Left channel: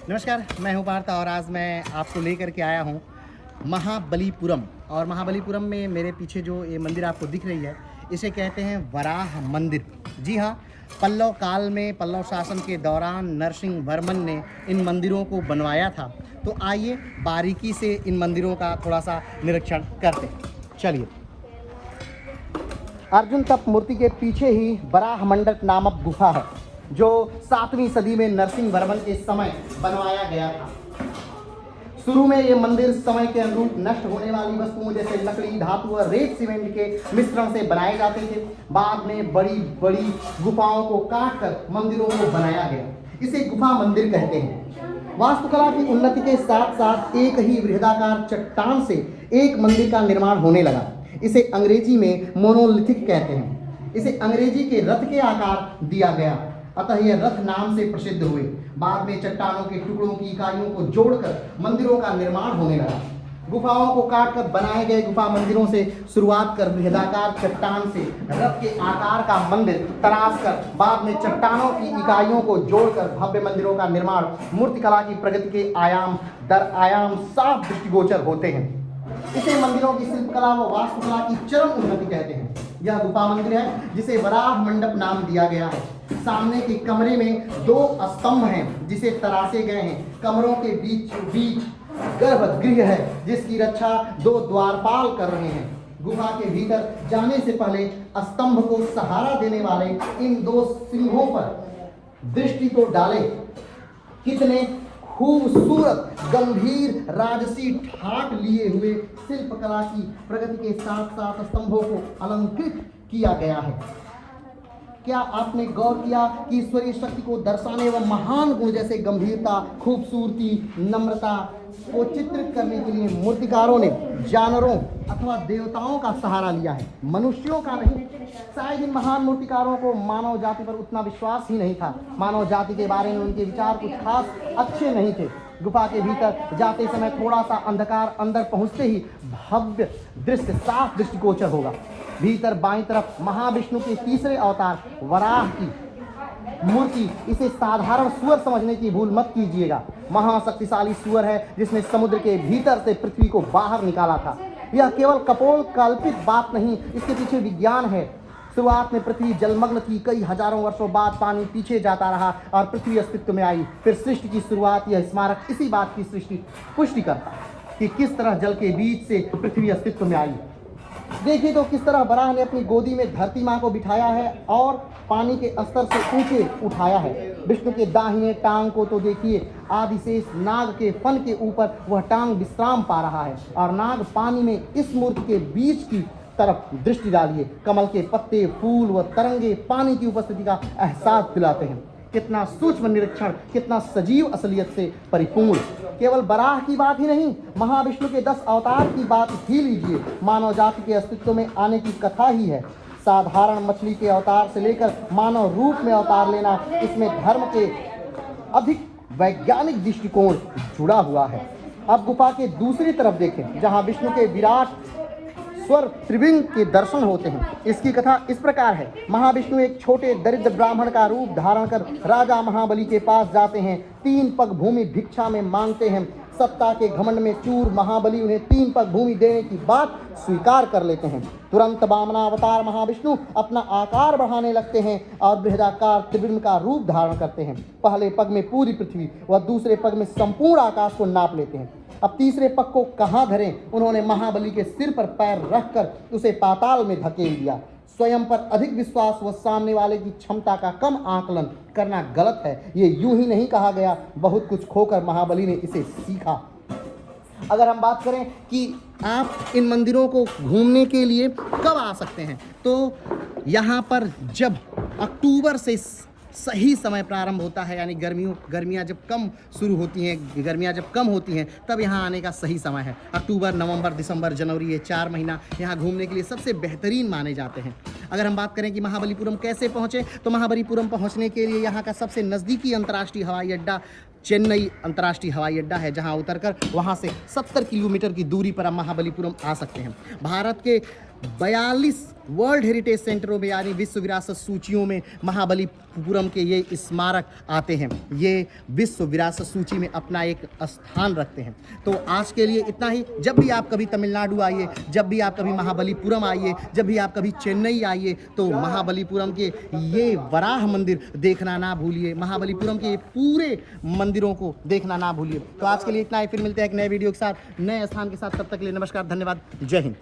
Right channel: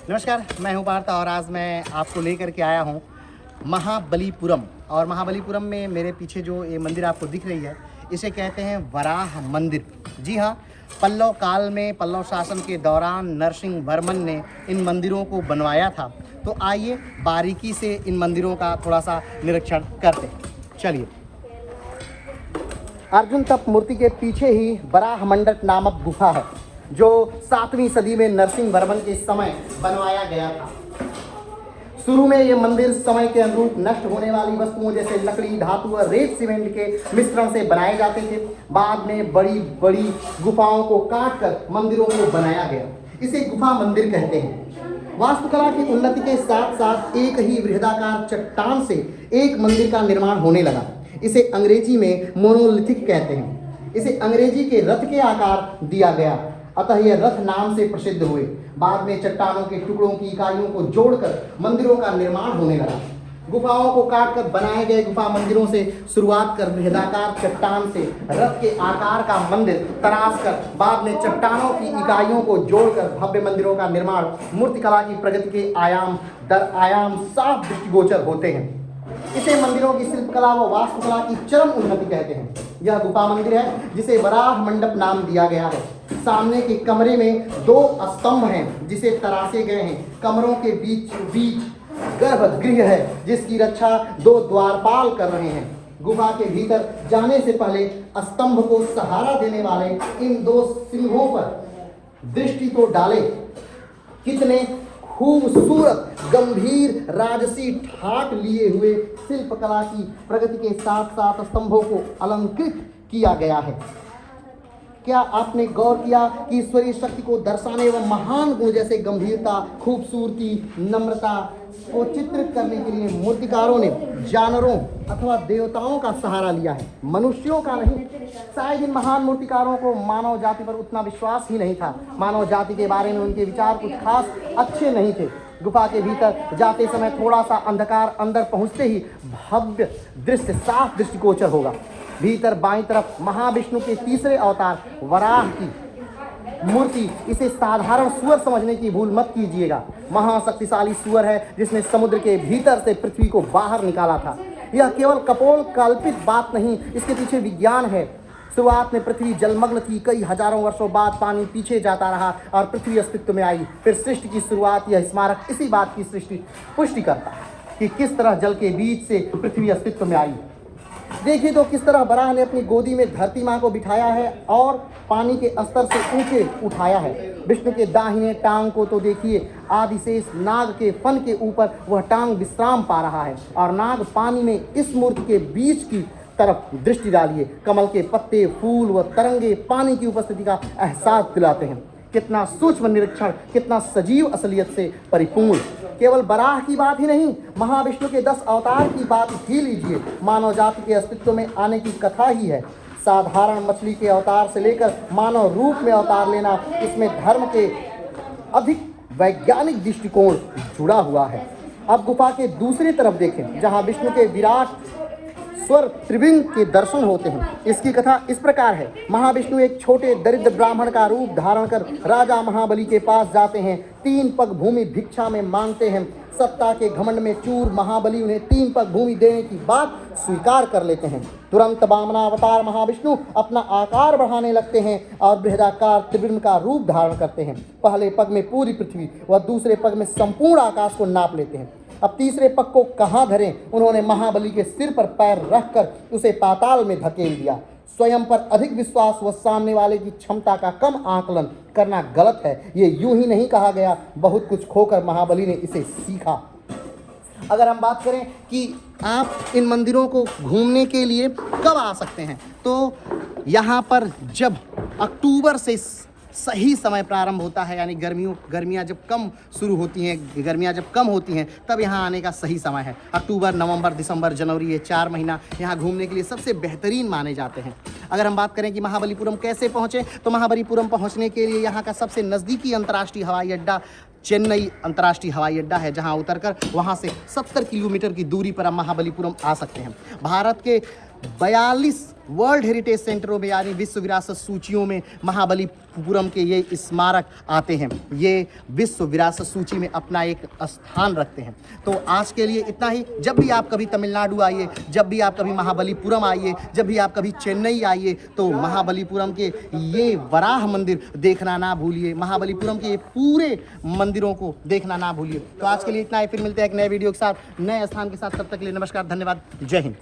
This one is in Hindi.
नमस्कार, मैं हूं पार्थ और आज मैं आपको लेकर के आया हूं महाबलीपुरम। और महाबलीपुरम में मेरे पीछे जो ये मंदिर आपको दिख रही है, इसे कहते हैं वराह मंदिर। जी हाँ, पल्लव काल में पल्लव शासन के दौरान नरसिंह वर्मन ने इन मंदिरों को बनवाया था। तो आइए बारीकी से इन मंदिरों का थोड़ा सा निरीक्षण करते हैं। चलिए, अर्जुन तप मूर्ति के पीछे ही वराह मंडप नामक गुफा है, जो 7वीं सदी में नरसिंह वर्मन के समय बनवाया गया था। शुरू में ये मंदिर समय के अनुरूप नष्ट होने वाली वस्तुओं जैसे लकड़ी, धातु और रेत सीमेंट के मिश्रण से बनाए जाते थे। बाद में बड़ी बड़ी गुफाओं को काटकर मंदिरों को बनाया गया। इसे गुफा मंदिर कहते हैं। वास्तुकला की उन्नति के साथ साथ एक ही वृहदाकार चट्टान से एक मंदिर का निर्माण होने लगा। इसे अंग्रेजी में मोनोलिथिक कहते हैं। इसे अंग्रेजी के रथ के आकार दिया गया, अतः यह रथ नाम से प्रसिद्ध हुए। बाद में चट्टानों के टुकड़ों की इकाइयों को जोड़कर मंदिरों का निर्माण होने लगा। गुफाओं को काटकर बनाए गए गुफा मंदिरों से शुरुआत कर बृहदाकार चट्टान से रथ के आकार का मंदिर तराश कर बाद में चट्टानों की इकाइयों को जोड़कर भव्य मंदिरों का निर्माण मूर्तिकला की प्रगति के आयाम दर आयाम साफ दृष्टिगोचर होते हैं। इसे मंदिरों की शिल्पकला व वास्तुकला की चरम उन्नति कहते हैं। यह गुफा मंदिर है जिसे वराह मंडप नाम दिया गया है। सामने के कमरे में 2 स्तंभ हैं जिसे तराशे गए हैं। कमरों के बीच गर्भगृह है जिसकी रक्षा 2 द्वारपाल कर रहे हैं। गुफा के भीतर जाने से पहले स्तंभ को सहारा देने वाले इन 2 सिंहों पर दृष्टि तो डालें। कितने खूबसूरत गंभीर राजसी ठाट लिए हुए शिल्पकला की प्रगति के साथ साथ स्तंभों को अलंकृत किया गया है। क्या आपने गौर किया कि ईश्वरीय शक्ति को दर्शाने एवं महान गुण जैसे गंभीरता, खूबसूरती, नम्रता को चित्रित करने के लिए मूर्तिकारों ने जानवरों अथवा देवताओं का सहारा लिया है, मनुष्यों का नहीं। शायद इन महान मूर्तिकारों को मानव जाति पर उतना विश्वास ही नहीं था। मानव जाति के बारे में उनके विचार कुछ खास अच्छे नहीं थे। गुफा के भीतर जाते समय थोड़ा सा अंधकार, अंदर पहुंचते ही भव्य दृश्य साफ दृष्टिगोचर होगा। भीतर बाईं तरफ महाविष्णु के तीसरे अवतार वराह की मूर्ति। इसे साधारण सुअर समझने की भूल मत कीजिएगा। महाशक्तिशाली सुअर है जिसने समुद्र के भीतर से पृथ्वी को बाहर निकाला था। यह केवल कपोल कल्पित बात नहीं, इसके पीछे विज्ञान है। शुरुआत में पृथ्वी जलमग्न थी, कई हजारों वर्षों बाद पानी पीछे जाता रहा और पृथ्वी अस्तित्व में आई। फिर सृष्टि की शुरुआत, यह स्मारक इसी बात की पुष्टि करता है कि किस तरह जल के बीच से पृथ्वी अस्तित्व में आई। देखिए तो किस तरह वराह ने अपनी गोदी में धरती माँ को बिठाया है और पानी के स्तर से ऊंचे उठाया है। विष्णु के दाहिने टांग को तो देखिए, आदिशेष नाग के फन के ऊपर वह टांग विश्राम पा रहा है और नाग पानी में इस मूर्ति के बीच की तरफ दृष्टि डालिए। कमल के पत्ते, फूल व तरंगे पानी की उपस्थिति का एहसास दिलाते हैं। कितना सूक्ष्म निरीक्षण, कितना सजीव असलियत से परिपूर्ण। केवल वराह की बात ही नहीं, महाविष्णु के 10 अवतार की बात ही लीजिए। मानव जाति के अस्तित्व में आने की कथा ही है। साधारण मछली के अवतार से लेकर मानव रूप में अवतार लेना, इसमें धर्म के अधिक वैज्ञानिक दृष्टिकोण जुड़ा हुआ है। अब गुफा के दूसरी तरफ देखें, जहाँ विष्णु के विराट स्वर त्रिविंग के दर्शन होते हैं। इसकी कथा इस प्रकार है। महाविष्णु एक छोटे दरिद्र ब्राह्मण का रूप धारण कर राजा महाबली के पास जाते हैं। 3 पग भूमि भिक्षा में मांगते हैं। सत्ता के घमंड में चूर महाबली उन्हें 3 पग भूमि देने की बात स्वीकार कर लेते हैं। तुरंत वामनावतार महाविष्णु अपना आकार बढ़ाने लगते हैं और बृहदाकार त्रिविंग का रूप धारण करते हैं। पहले पग में पूरी पृथ्वी व दूसरे पग में संपूर्ण आकाश को नाप लेते हैं। अब तीसरे पग को कहाँ धरें? उन्होंने महाबली के सिर पर पैर रखकर उसे पाताल में धकेल दिया। स्वयं पर अधिक विश्वास व सामने वाले की क्षमता का कम आकलन करना गलत है। ये यूं ही नहीं कहा गया, बहुत कुछ खोकर महाबली ने इसे सीखा। अगर हम बात करें कि आप इन मंदिरों को घूमने के लिए कब आ सकते हैं, तो यहाँ पर जब अक्टूबर से सही समय प्रारंभ होता है, यानी गर्मियाँ जब कम शुरू होती हैं, गर्मियाँ जब कम होती हैं, तब यहाँ आने का सही समय है। अक्टूबर, नवंबर, दिसंबर, जनवरी, ये 4 महीना यहाँ घूमने के लिए सबसे बेहतरीन माने जाते हैं। अगर हम बात करें कि महाबलीपुरम कैसे पहुँचे, तो महाबलीपुरम पहुँचने के लिए यहाँ का सबसे नज़दीकी अंतर्राष्ट्रीय हवाई अड्डा चेन्नई अंतर्राष्ट्रीय हवाई अड्डा है, जहाँ उतरकर वहाँ से 70 किलोमीटर की दूरी पर हम महाबलीपुरम आ सकते हैं। भारत के 42 वर्ल्ड हेरिटेज सेंटरों में यानी विश्व विरासत सूचियों में महाबलीपुरम के ये स्मारक आते हैं। ये विश्व विरासत सूची में अपना एक स्थान रखते हैं। तो आज के लिए इतना ही। जब भी आप कभी तमिलनाडु आइए, जब भी आप कभी महाबलीपुरम आइए, जब भी आप कभी चेन्नई आइए, तो महाबलीपुरम के ये वराह मंदिर देखना ना भूलिए। महाबलीपुरम के पूरे मंदिरों को देखना ना भूलिए। तो आज के लिए इतना ही। फिर मिलते हैं एक नए वीडियो के साथ, नए स्थान के साथ। तब तक के लिए नमस्कार, धन्यवाद, जय हिंद।